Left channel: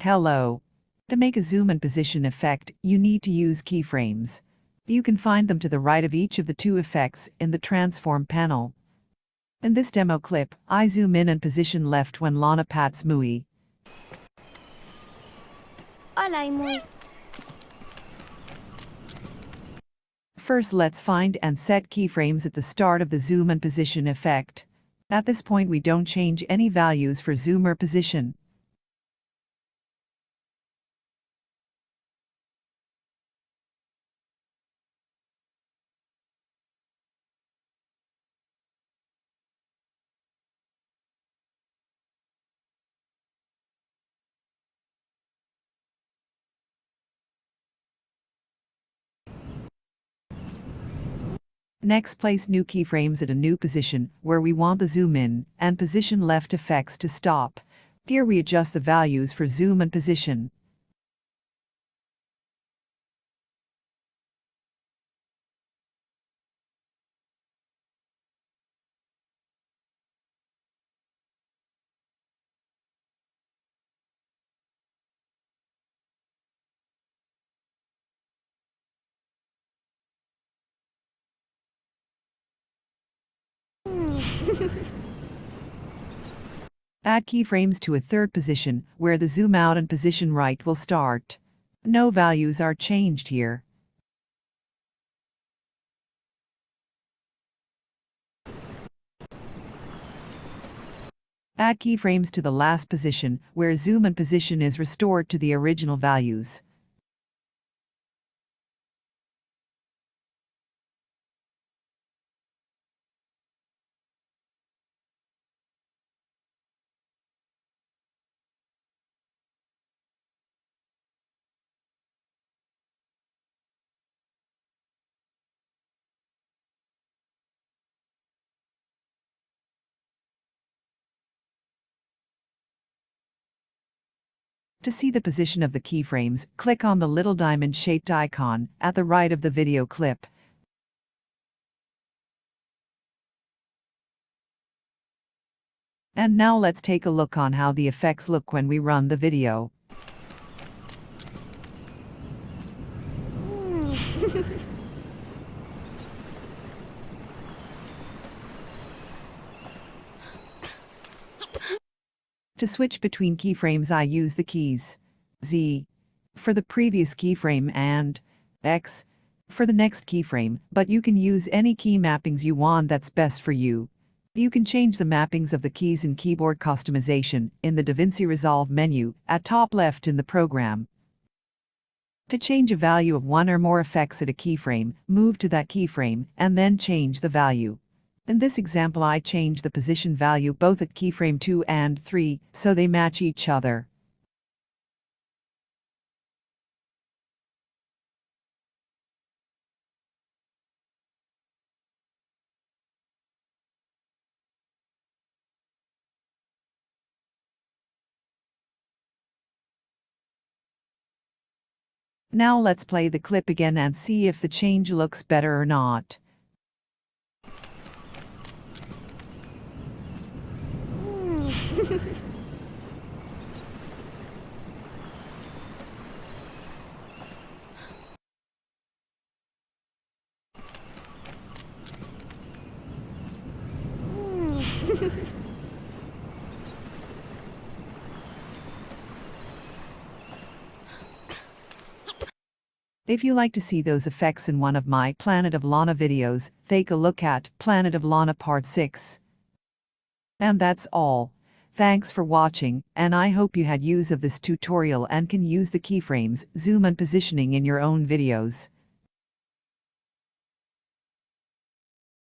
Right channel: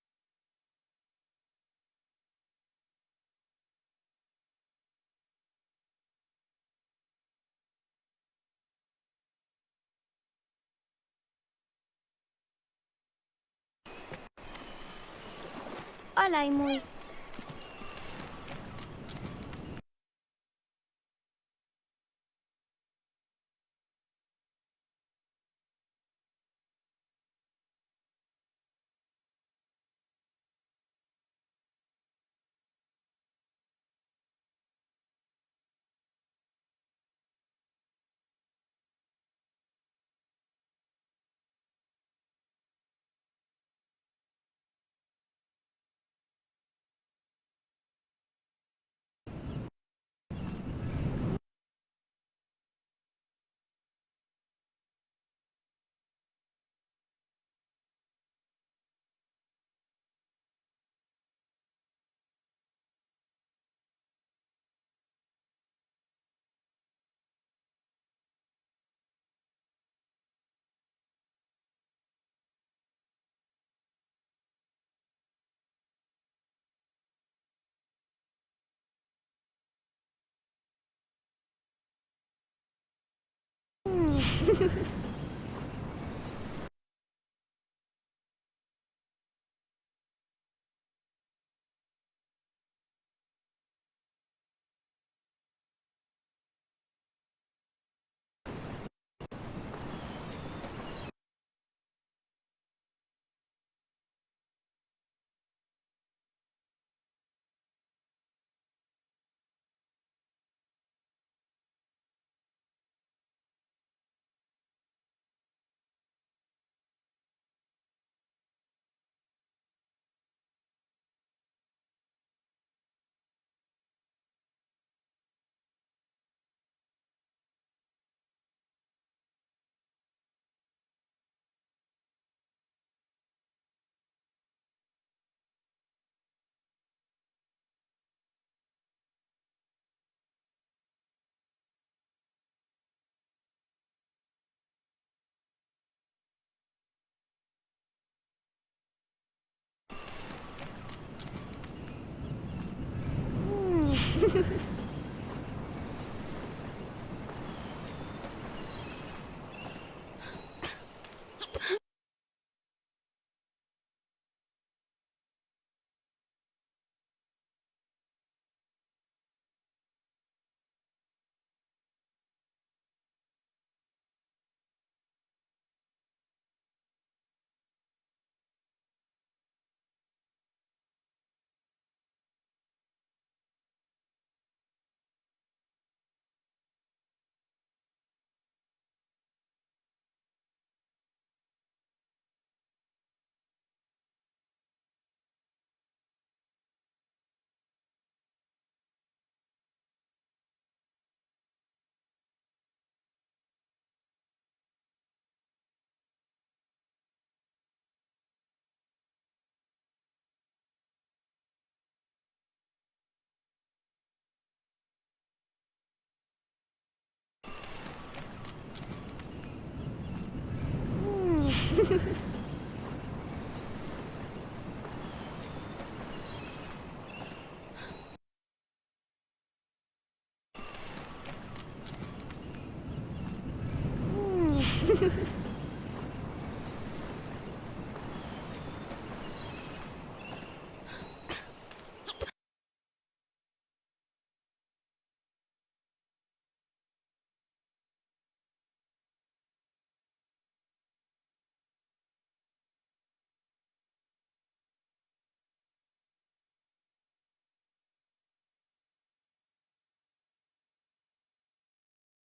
Hello. To make a zoom and position effect, you need to use keyframes. You can find them to the right of each of the two effects in the transform panel. In this demo clip, I zoom in and position left when Lana pats Mui. Hola, Mui. First, let's find and set keyframes at the start of the zoom and position effect. At this point, we don't change any values for zoom or position. Next, place new keyframes at a new position where we want the zoom in and position left effects to stop. Here we adjust the values for zoom and position. Add keyframes to a third position where the zoom out and position right will start. No values are changed here. Add keyframes to the last position where zoom and position is restored to the original values. To see the position of the keyframes, click on the little diamond-shaped icon at the right of the video clip. And now let's take a look on how the effects look when we run the video. To switch between keyframes, I use the keys Z for the previous keyframe and X for the next keyframe, but you can use any key mappings you want that's best for you. You can change the mappings of the keys in keyboard customization in the Davinci Resolve menu at top left in the program. To change a value of one or more effects at a keyframe, move to that keyframe and then change the value. In this example, I change the position value both at keyframe 2 and 3 so they match each other. Now let's play the clip again and see if the change looks better or not. If you like to see those effects in one of my Planet of Lana videos, take a look at Planet of Lana Part 6. And that's all. Thanks for watching, and I hope you had use of this tutorial and can use the keyframes, zoom and positioning in your own videos.